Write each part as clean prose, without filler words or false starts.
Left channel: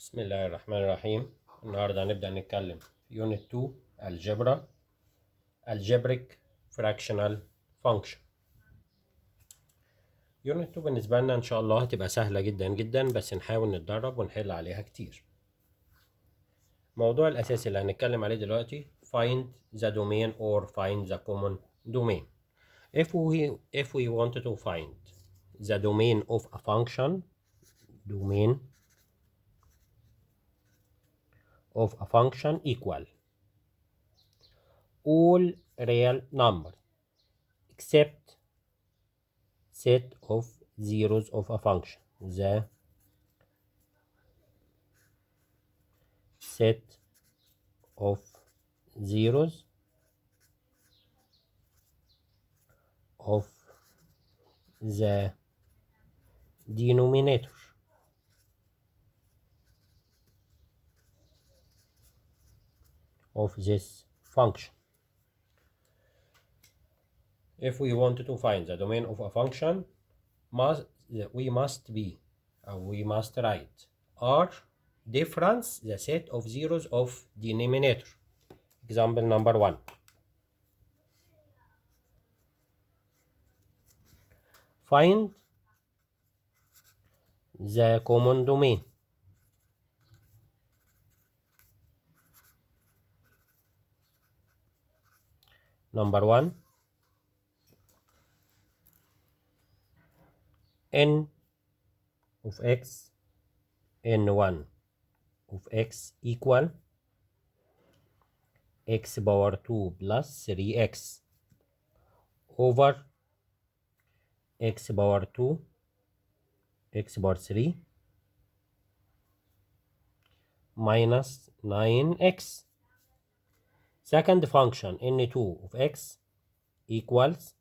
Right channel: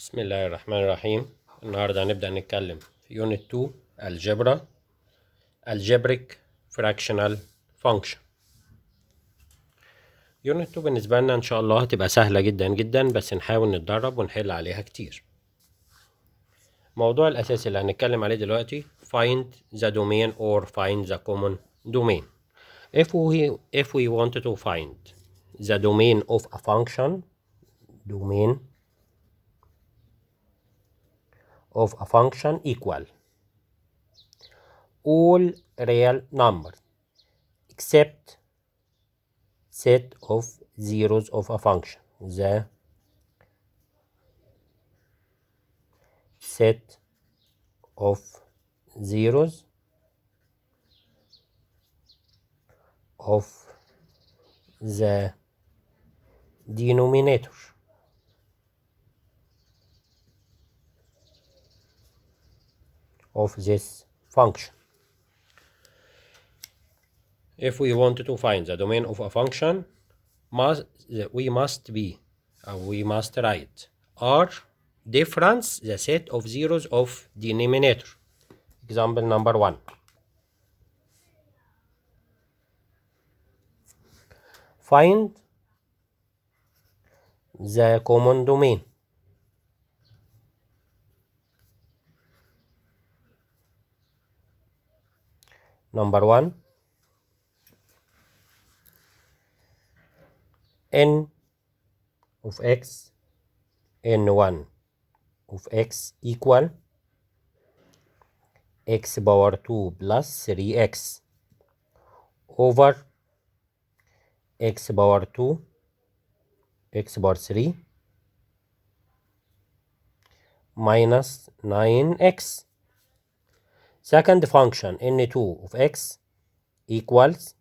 بسم الله الرحمن الرحيم. النهاردة هنبدأ نتكلم في Unit 2 algebra algebraic fractional function. Unit 2 بالنسبة لنا إن شاء الله هتبقى سهلة جدا جدا، بس نحاول نتدرب ونحل عليها كتير. الموضوع الأساسي اللي هنتكلم عليه دلوقتي find the domain or find the common domain. If we wanted to find the domain of a function, equal all real numbers except set of zeros of a function. The set of zeros of the denominator of this function. If we wanted to find the domain of a function, we must write R difference the set of zeros of denominator. Example number 1. Find the common domain. Number 1. N of x, n1 of x equal x power 2 plus 3x over x power 2, x power 3 minus 9x. Second function, n2 of x equals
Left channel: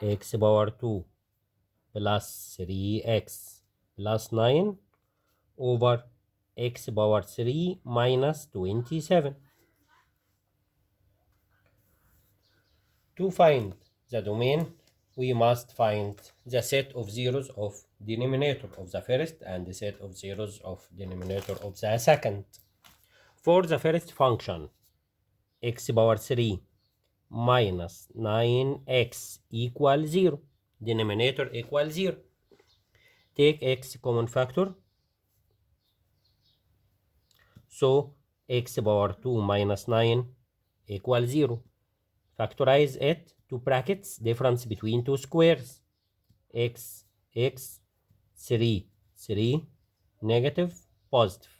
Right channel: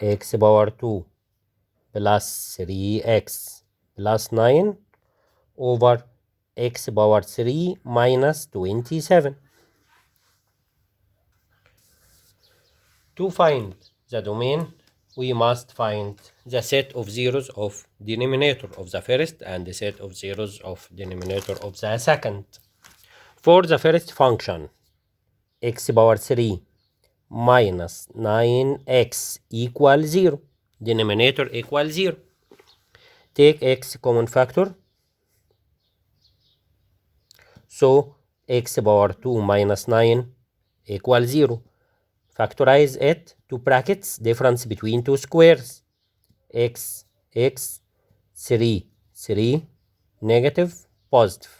x power 2 plus 3x plus 9 over x power 3 minus 27. To find the domain, we must find the set of zeros of denominator of the first and the set of zeros of denominator of the second. For the first function, x power 3 minus 9x equals 0, denominator equals 0. Take x common factor, so x power 2 minus 9 equals 0. Factorize it to brackets, difference between two squares, x, 3, negative, positive.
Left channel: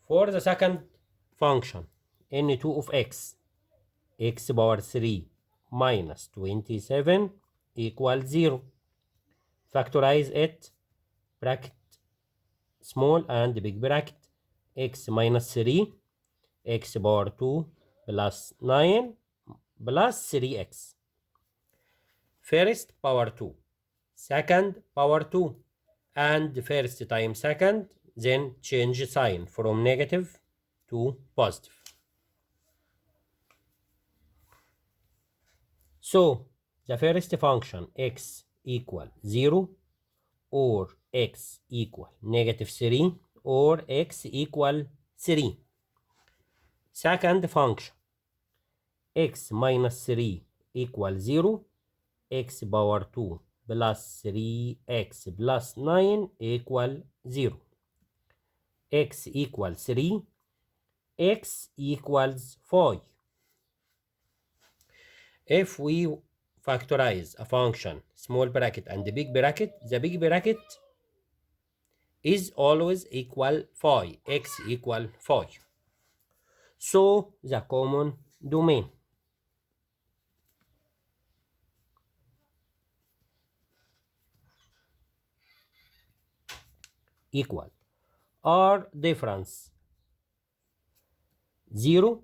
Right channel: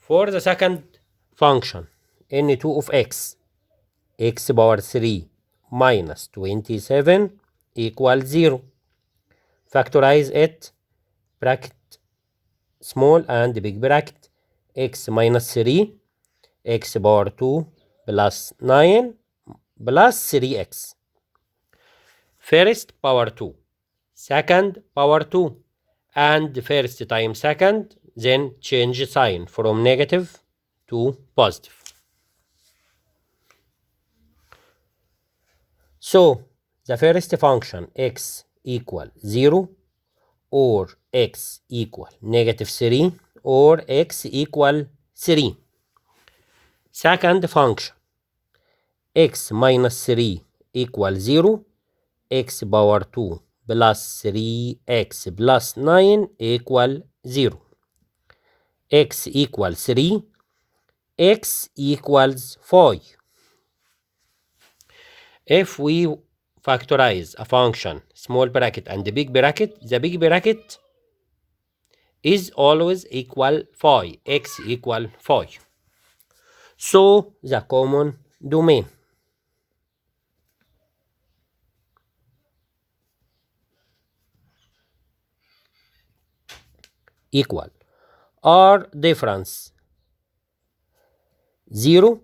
For the second function, n2 of x power 3 minus 27 equals 0. Factorize it, bracket small and big bracket, x minus 3, x power 2 plus 9 plus 3x. First power 2, second power 2, and first times second, then change sign from negative to positive. So the first function x equal 0 or x equal negative 3 or x equal 3. Second function x minus 3 equal 0, x power 2 plus 3x plus 9 equal 0. X equals 3, x equals 5. If we factorize a function, small bracket and the big bracket is always equal 5, x equal 5. So the common domain equal R difference 0,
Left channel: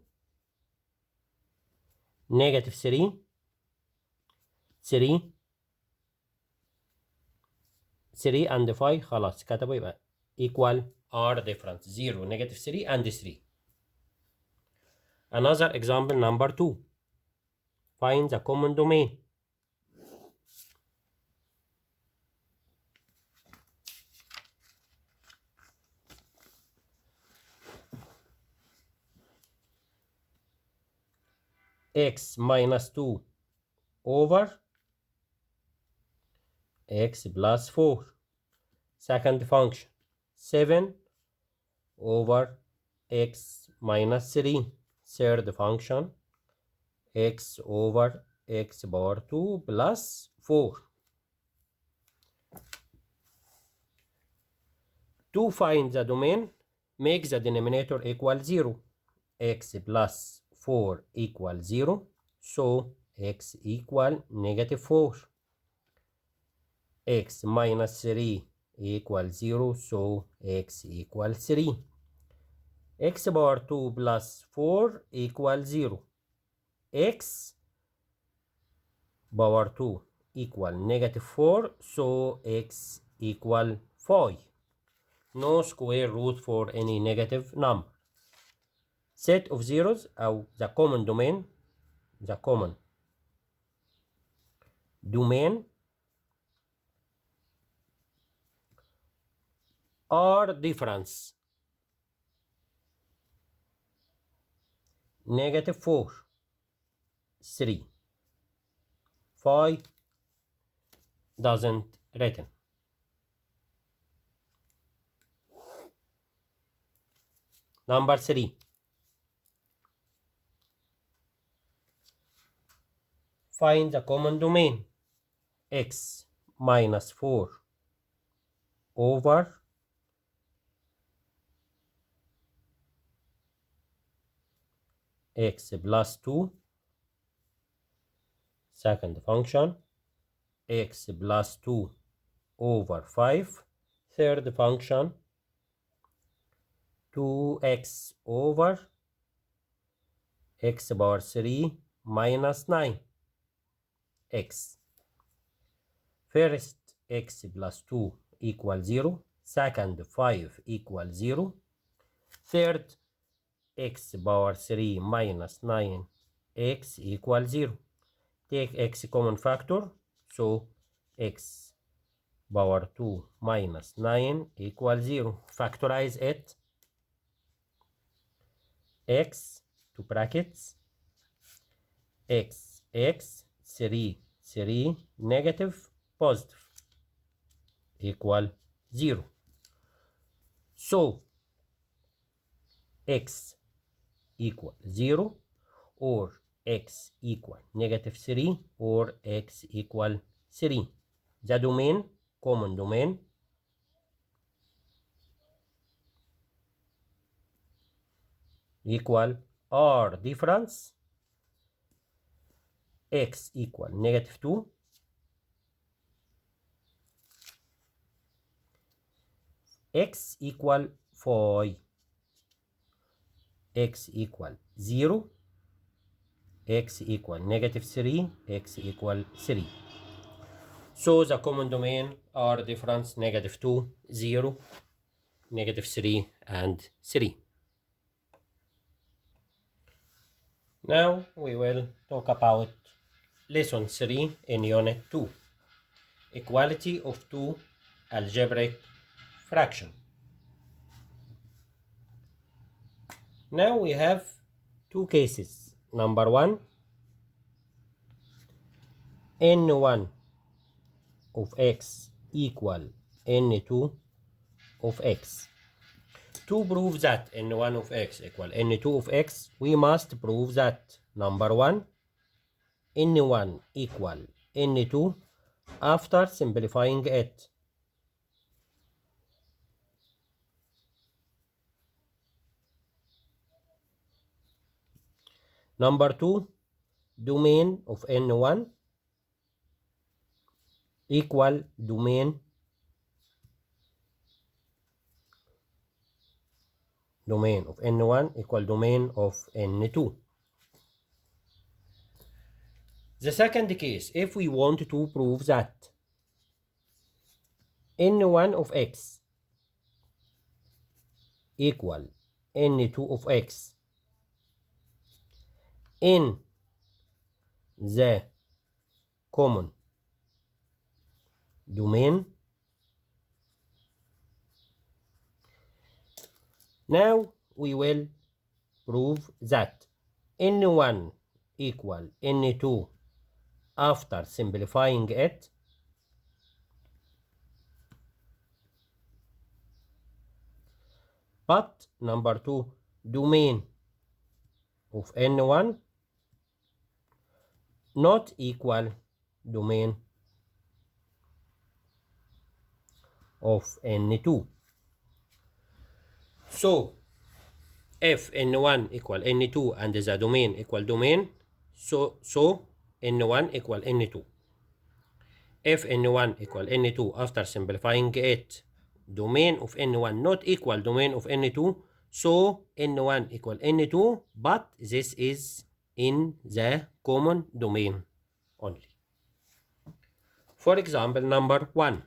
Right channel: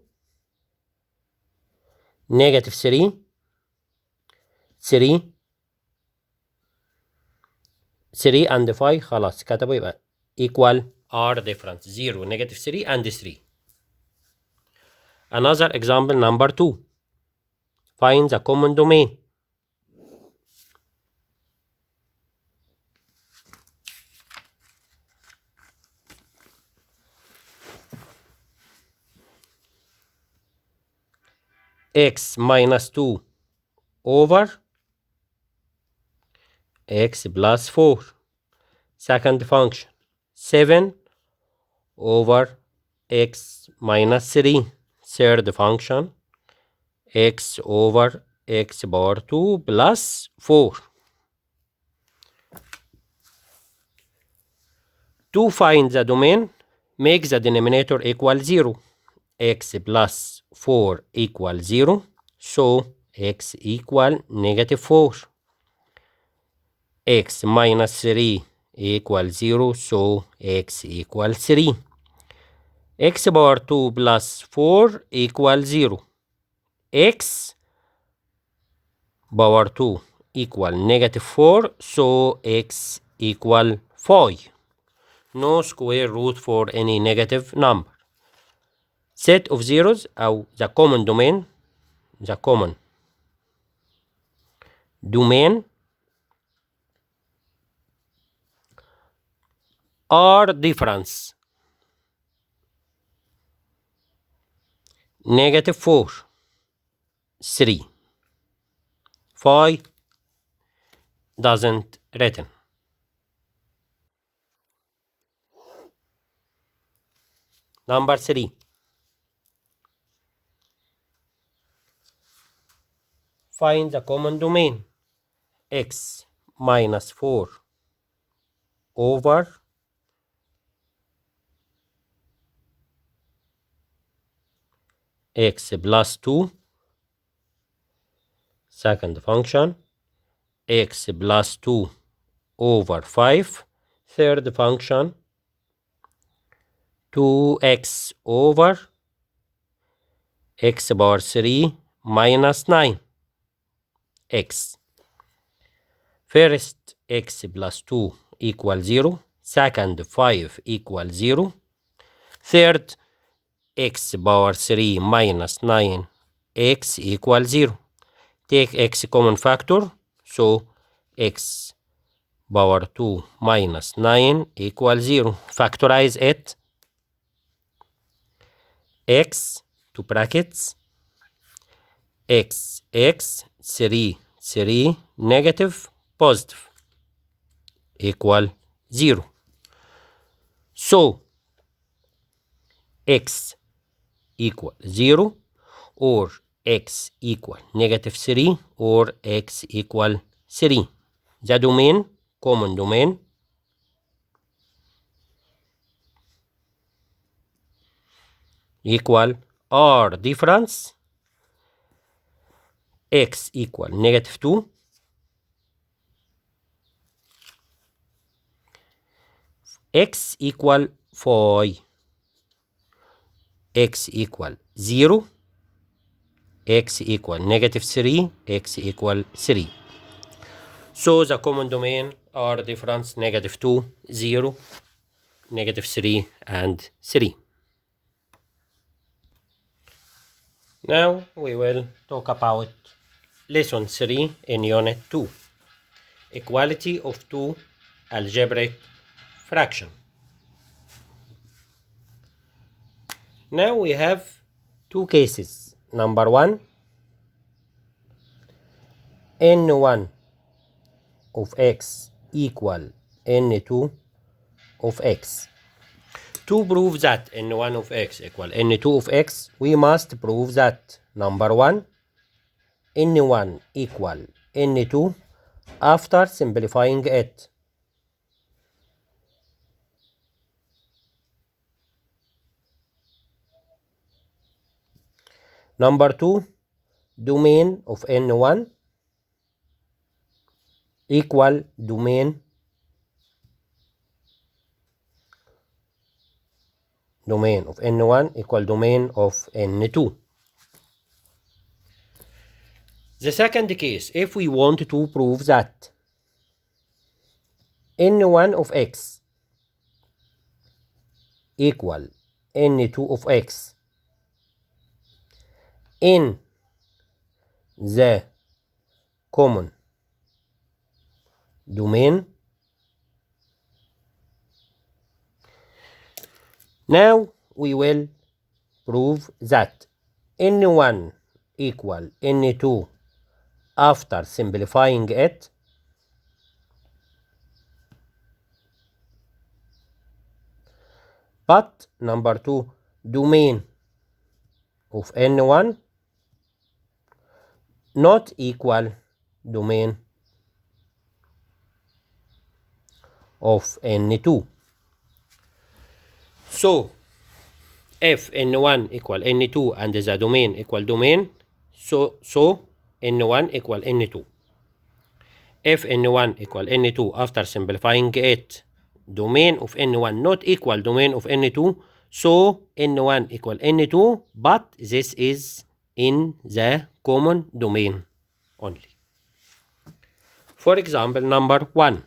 negative 3, 3 and 5 خلاص كتبوا يبقى equal R difference 0, negative 3 and 3. Another example number 2. Find the common domain. x minus 2 over x plus 4. Second function, 7 over x minus 3. Third function, x over x power 2 plus 4. To find the domain, make the denominator equal 0. X plus 4 equal 0, so x equal negative 4. X minus 3 equal 0, so x equal 3. X power 2 plus 4 equal 0. X power 2 equal negative 4, so x equal 5. No square root for any negative number. Set of zeros أو the common domain are difference. Negative 4, 3, 5 doesn't written. Number 3. Find the common domain. X minus 4 over x plus 2. Second function, x plus 2 over 5. Third function, 2x over x power 3 minus 9 x. First, x plus 2 equal 0. Second, 5 equal 0. Third, x power 3 minus 9 x equal 0. Take x common factor, so x power 2 minus 9 equal 0. Factorize it. X to brackets, x 3 negative positive equal 0. So x equal 0 or x equal negative 3 or x equal 3. The domain, common domain, equal r difference, x equal negative 2, x equal 5, x equal 0, x equal negative 3, x equal 3. So the common domain are difference negative 2, 0, negative 3, and 3. Now we will talk about lesson 3 in unit 2. Equality of two algebraic fraction. Now we have two cases. Number 1, n1 of x equal n2 of x. To prove that n1 of x equal n2 of x, we must prove that number 1, n1 equal n2 after simplifying it. Number 2, domain of n1 equal domain of n1 equal domain of n2. The second case, if we want to prove that n1 of x equal n2 of x in the common domain, now we will prove that n1 equal n2 after simplifying it. But number 2, domain of n1 not equal domain of n2. So if n1 equal n2 and the domain equal domain, so n1 equal n2. If n1 equal n2 after simplifying it, domain of n1 not equal domain of n2, so n1 equal n2, but this is in the common domain only. For example, number 1.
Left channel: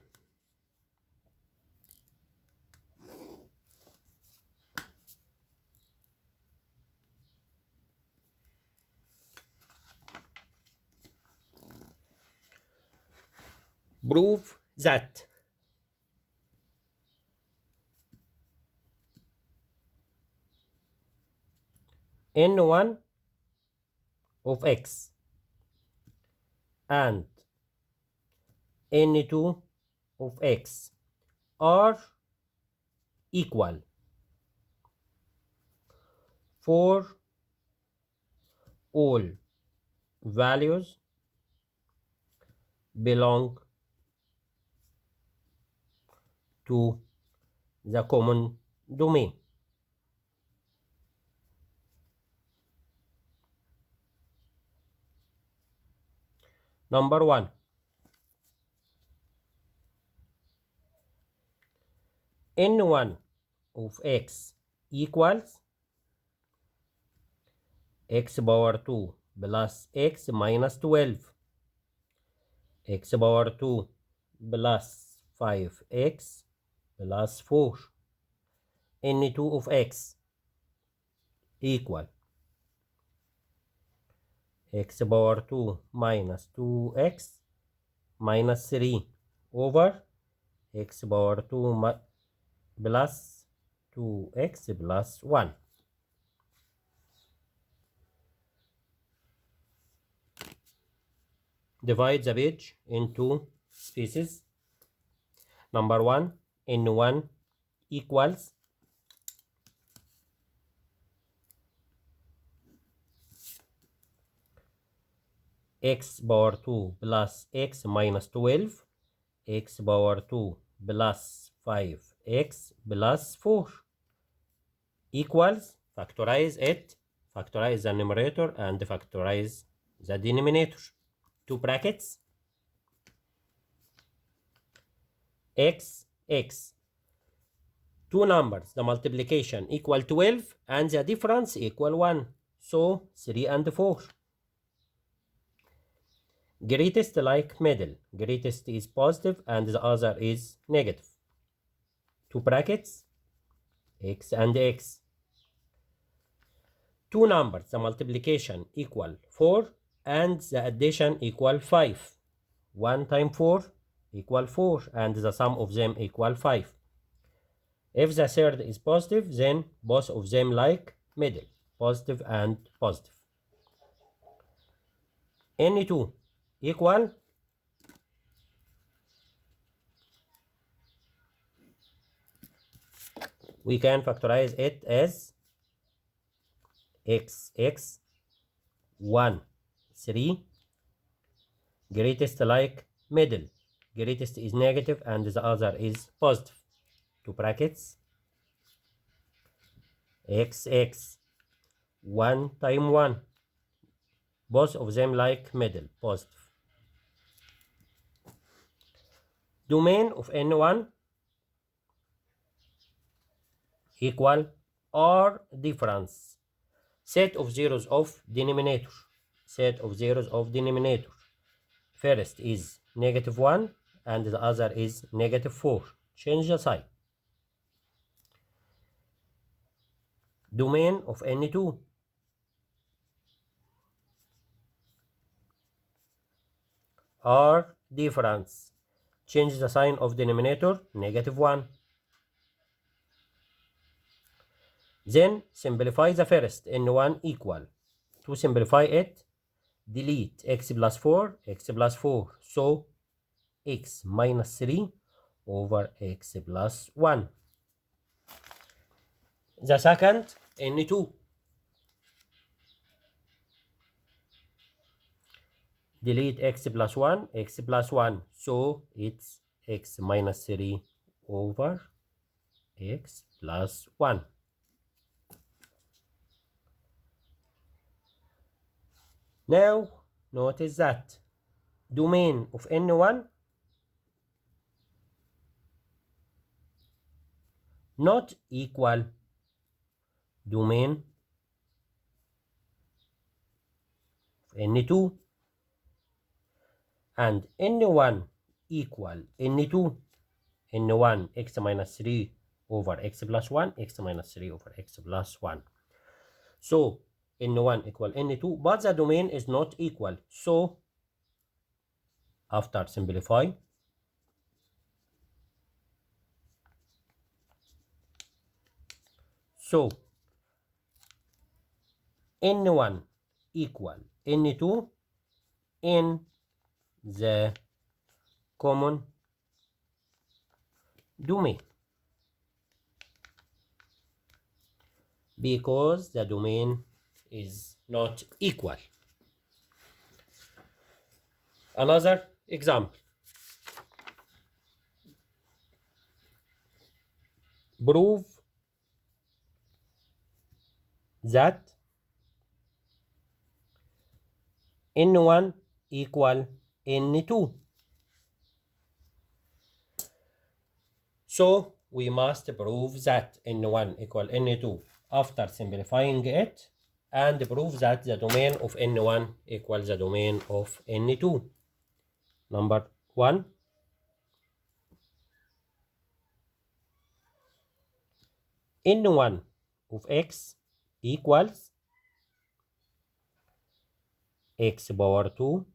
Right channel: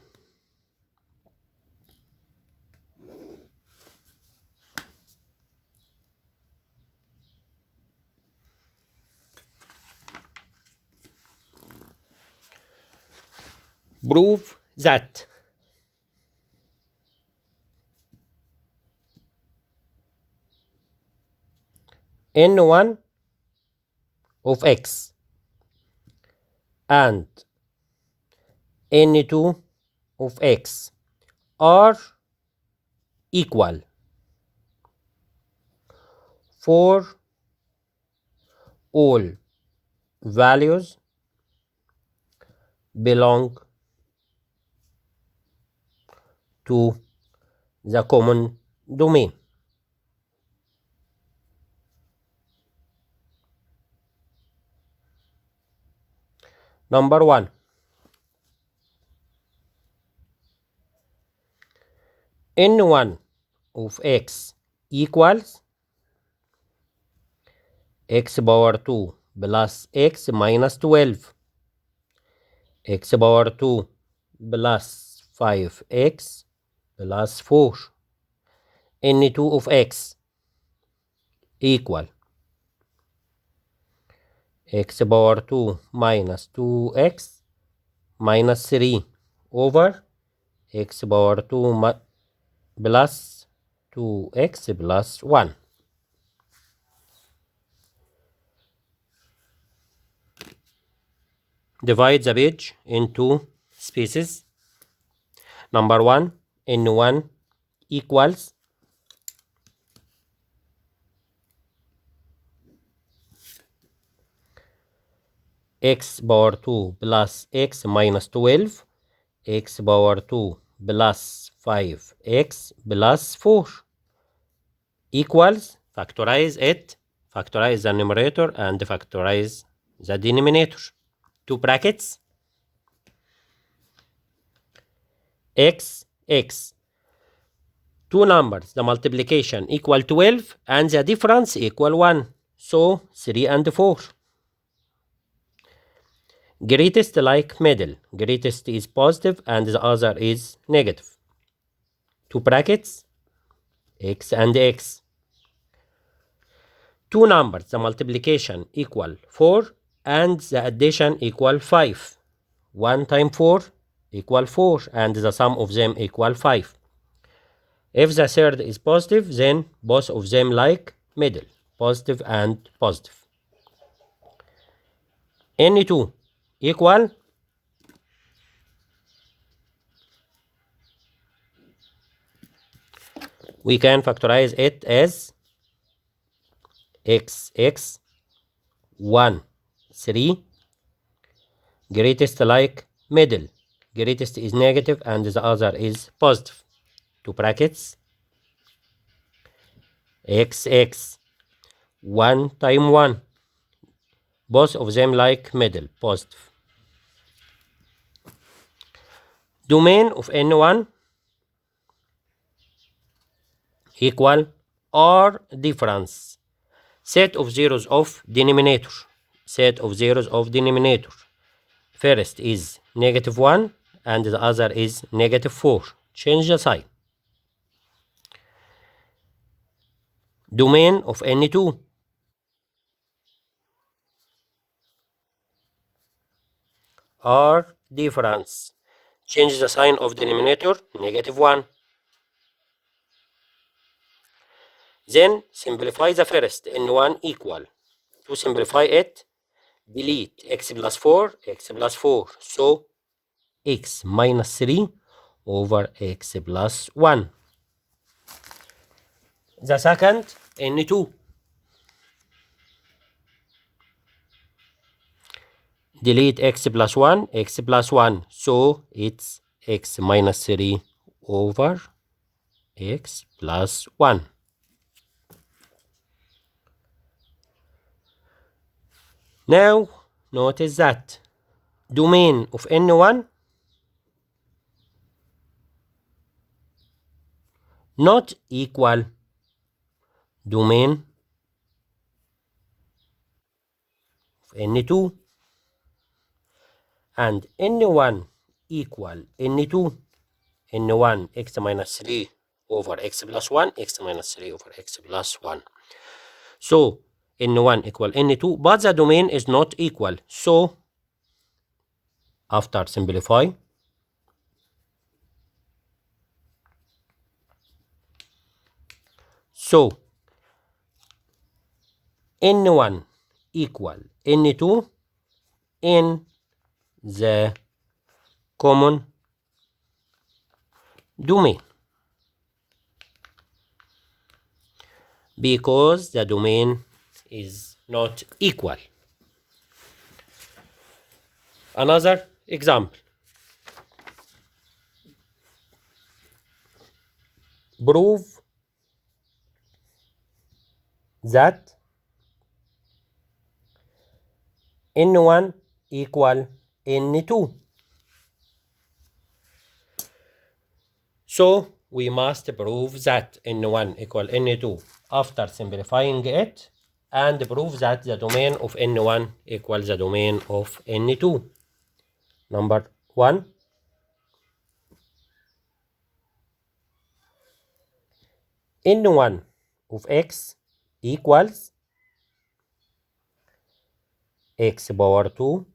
Prove that n1 of x and n2 of x are equal for all values belong to the common domain. Number 1. n1 of x equals x power 2 plus x minus 12, x power 2 plus 5x plus 4. n2 of x equal x power 2 minus 2x minus 3 over x power 2 plus 2x plus 1. Divide the page into spaces. Number 1, n1 equals x power 2 plus x minus 12, x power 2 plus 5x plus 4 equals, factorize it, factorize the numerator and factorize the denominator. 2 brackets, x, 2 numbers, the multiplication equal 12 and the difference equal 1, so 3 and 4. Greatest like middle, greatest is positive and the other is negative. 2 brackets, x and x. 2 numbers, the multiplication equal 4 and the addition equal 5. 1 times 4 equal 4 and the sum of them equal 5. If the third is positive, then both of them like middle, positive and positive. n2 equal we can factorize it as x 1 3 greatest like middle, greatest is negative and the other is positive. 2 brackets, x 1 times 1, both of them like middle, positive. Domain of n1 equal or difference, set of zeros of denominator, set of zeros of denominator. First is -1 and the other is -4. Change the sign. Domain of n2 or difference. Change the sign of denominator, -1. Then simplify the first, n1 equal. To simplify it, delete x plus 4, x plus 4. So x minus 3 over x plus 1. The second, n2. Delete x plus 1, x plus 1. So it's x minus 3 over x plus 1. Now, notice that domain of n1 not equal domain of n2, and n1 equal n2, n1 x minus 3 over x plus 1, x minus 3 over x plus 1. So n1 equal n2, but the domain is not equal. So after simplify, so n1 equal n2 in the common domain, because the domain is not equal. Another example. Prove that n1 equal n2. So we must prove that n1 equal n2 after simplifying it, and prove that the domain of n1 equals the domain of n2. Number 1. n1 of x equals x power 2,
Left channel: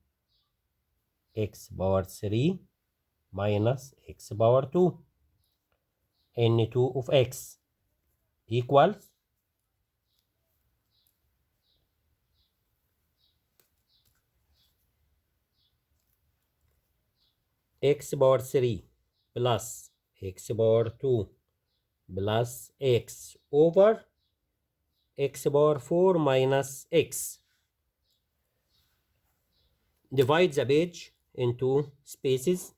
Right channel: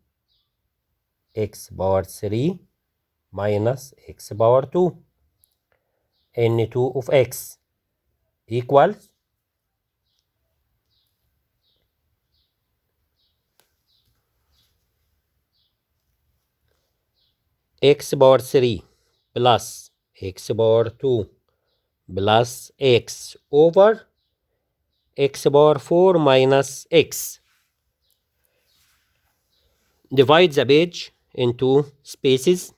x power 3 minus x power 2. n2 of x equals x power 3 plus x power 2 plus x over x power 4 minus x. Divide the page into spaces.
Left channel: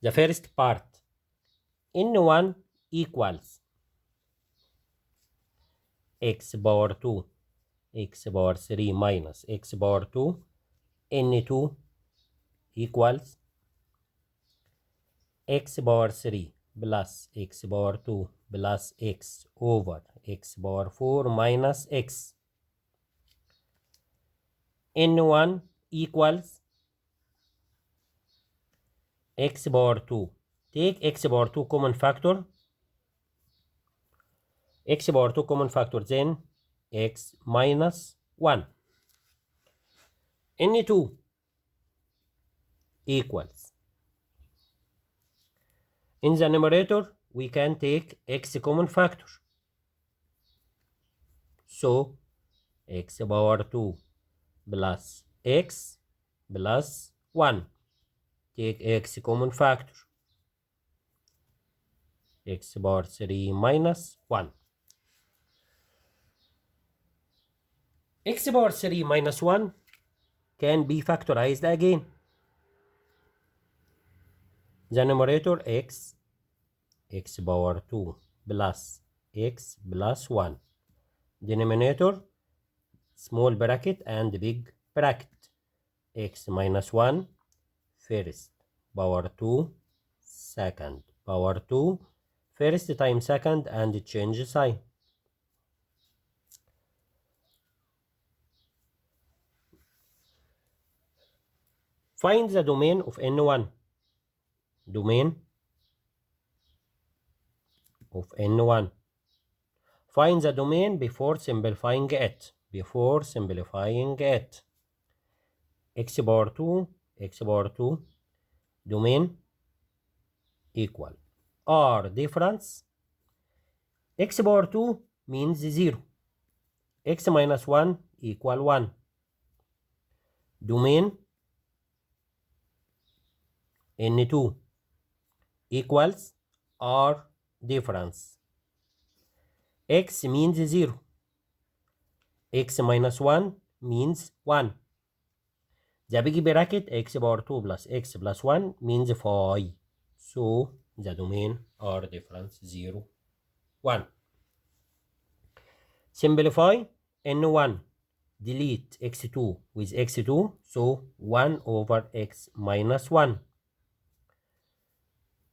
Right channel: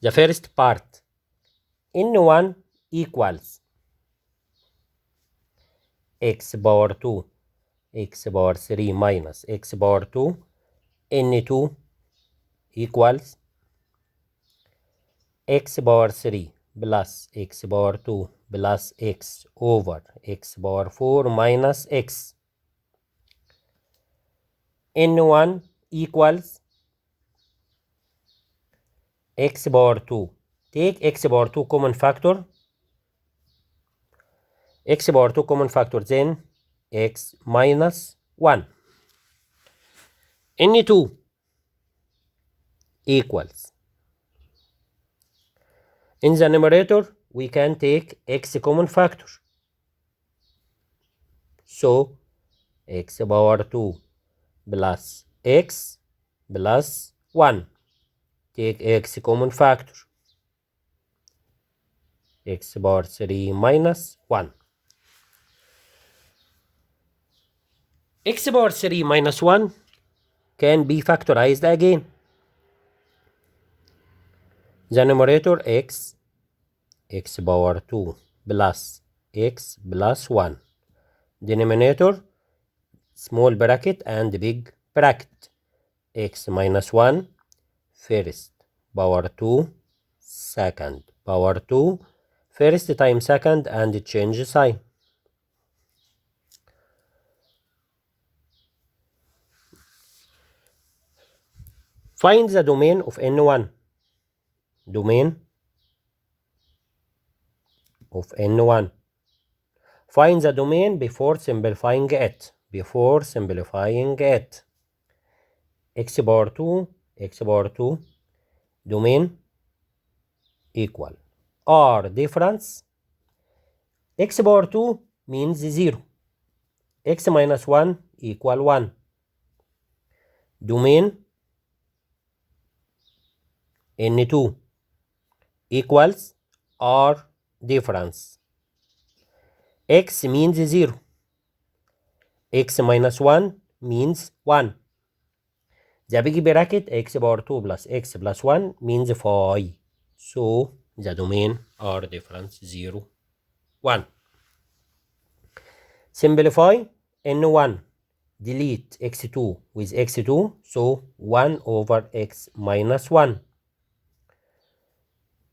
The first part, n1 equals x power 2, x power 3 minus x power 2. n2 equals x power 3 plus x power 2 plus x over x power 4 minus x. n1 equals x power 2. Take x power 2 common factor. X power 2 common factor, then x minus 1. n2 equals, in the numerator we can take x common factor. So x power 2 plus x plus 1. Take x common factor. X power 3 minus 1. X power 3 minus 1 can be factorized again. The numerator x power 2 plus x plus 1. Denominator small bracket and big bracket. X minus 1 first power 2 second power 2, first times second, and change sign. Find the domain of n1. Domain of n1. Find the domain before simplifying it. Before simplifying it. X power 2, domain equal r difference. X power 2 means 0. X minus 1 equal 1. domain N2 equals R difference. X means 0. X minus 1 means 1. The big bracket x power 2 plus x plus 1 means 5. So the domain R difference 0, 1. Simplify N1. Delete x2 with x2. So 1 over x minus 1.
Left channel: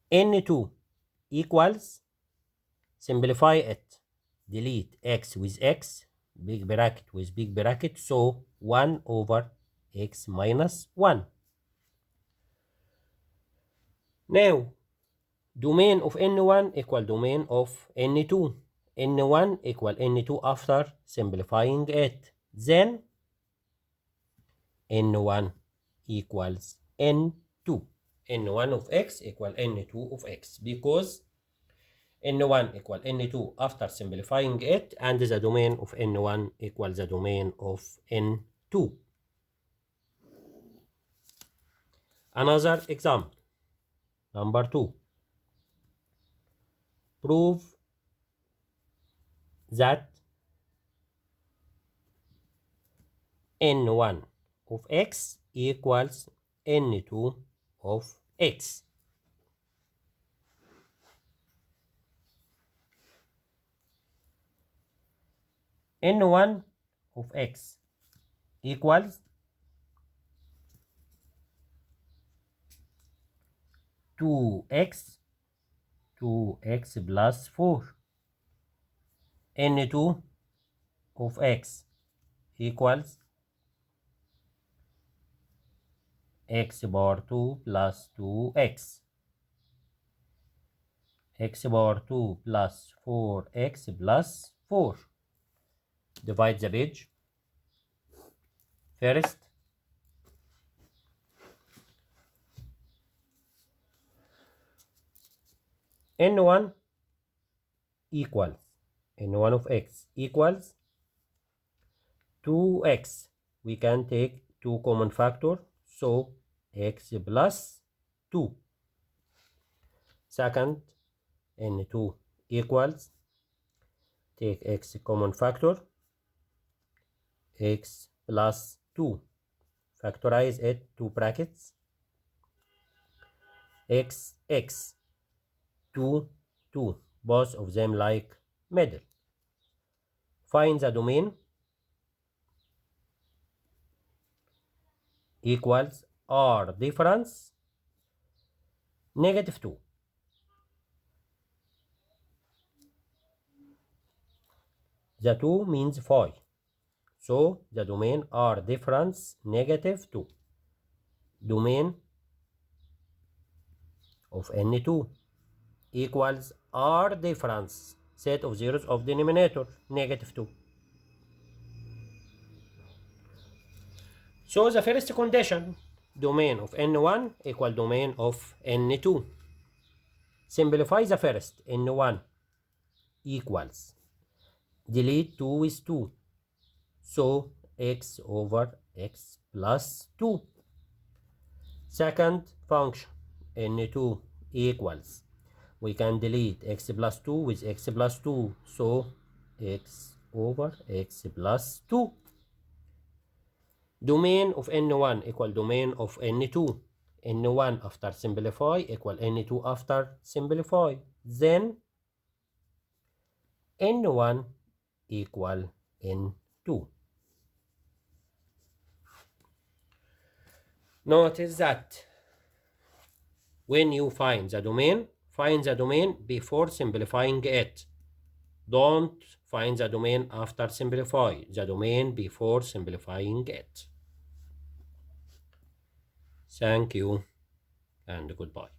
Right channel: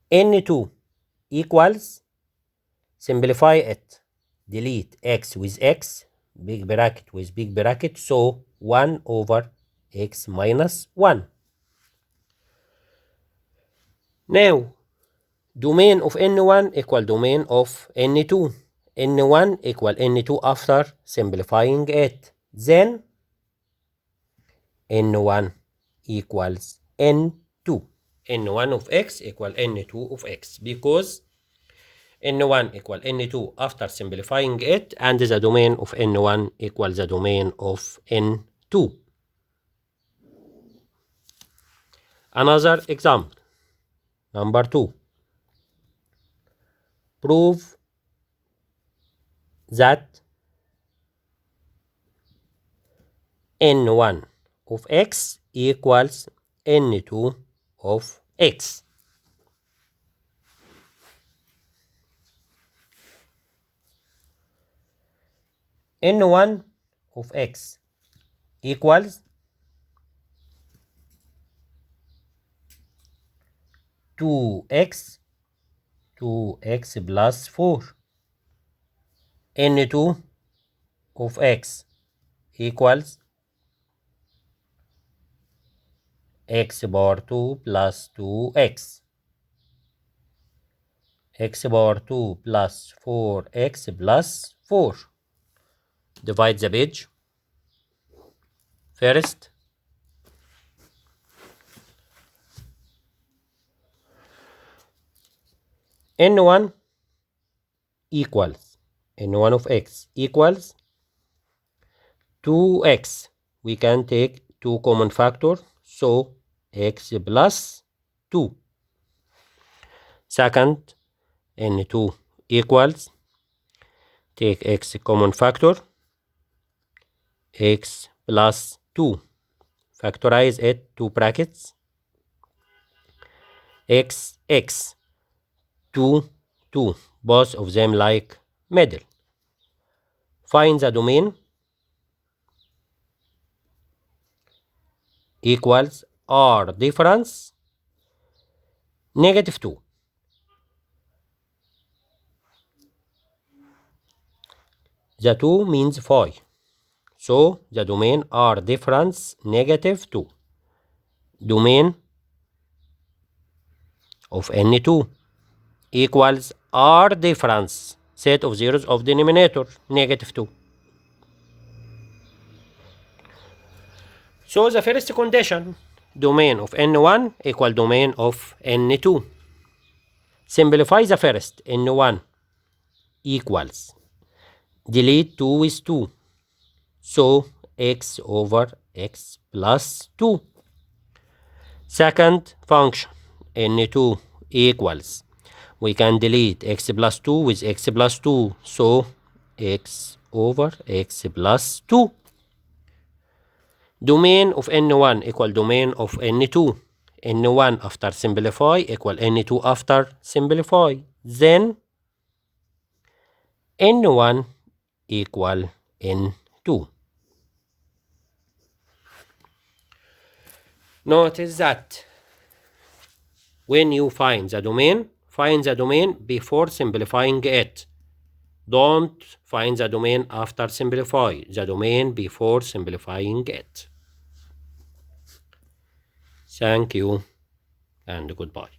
N2 equals, simplify it, delete x with x, big bracket with big bracket, so 1 over x minus 1. Now, domain of n1 equal domain of n2. n1 equal n2 after simplifying it. Then, n1 equals n2. n1 of x equal n2 of x, because n1 equal n2 after simplifying it, and the domain of n1 equal the domain of n2. Another example, number 2. Prove that n1 of x equals n2 of x. n1 of x equals 2x plus 4. n2 of x equals x power 2 plus 2x. x power 2 plus 4x plus 4. Divide the page. First, n1 equals, n1 of x equals 2x. We can take 2 common factors, so x plus 2. Second, n2 equals, take x common factor, x plus 2. Factorize it, 2 brackets, x, 2, 2. Both of them like middle. Find the domain equals R difference -2. The 2 means 5. So the domain R difference -2. Domain of n2 equals R difference, set of zeros of denominator, -2. So the first condition, domain of n1 equal domain of n2. Simplify the first, n1 equals, delete 2 with 2, so x over x plus 2. Second function, n2 equals, we can delete x plus 2 with x plus 2, so x over x plus 2. Domain of n1 equal domain of n2. n1 after simplify equal n2 after simplify. Then n1 equal n2. Notice that when you find the domain before simplifying it. Don't find the domain after simplify. The domain before simplifying it. Thank you and goodbye.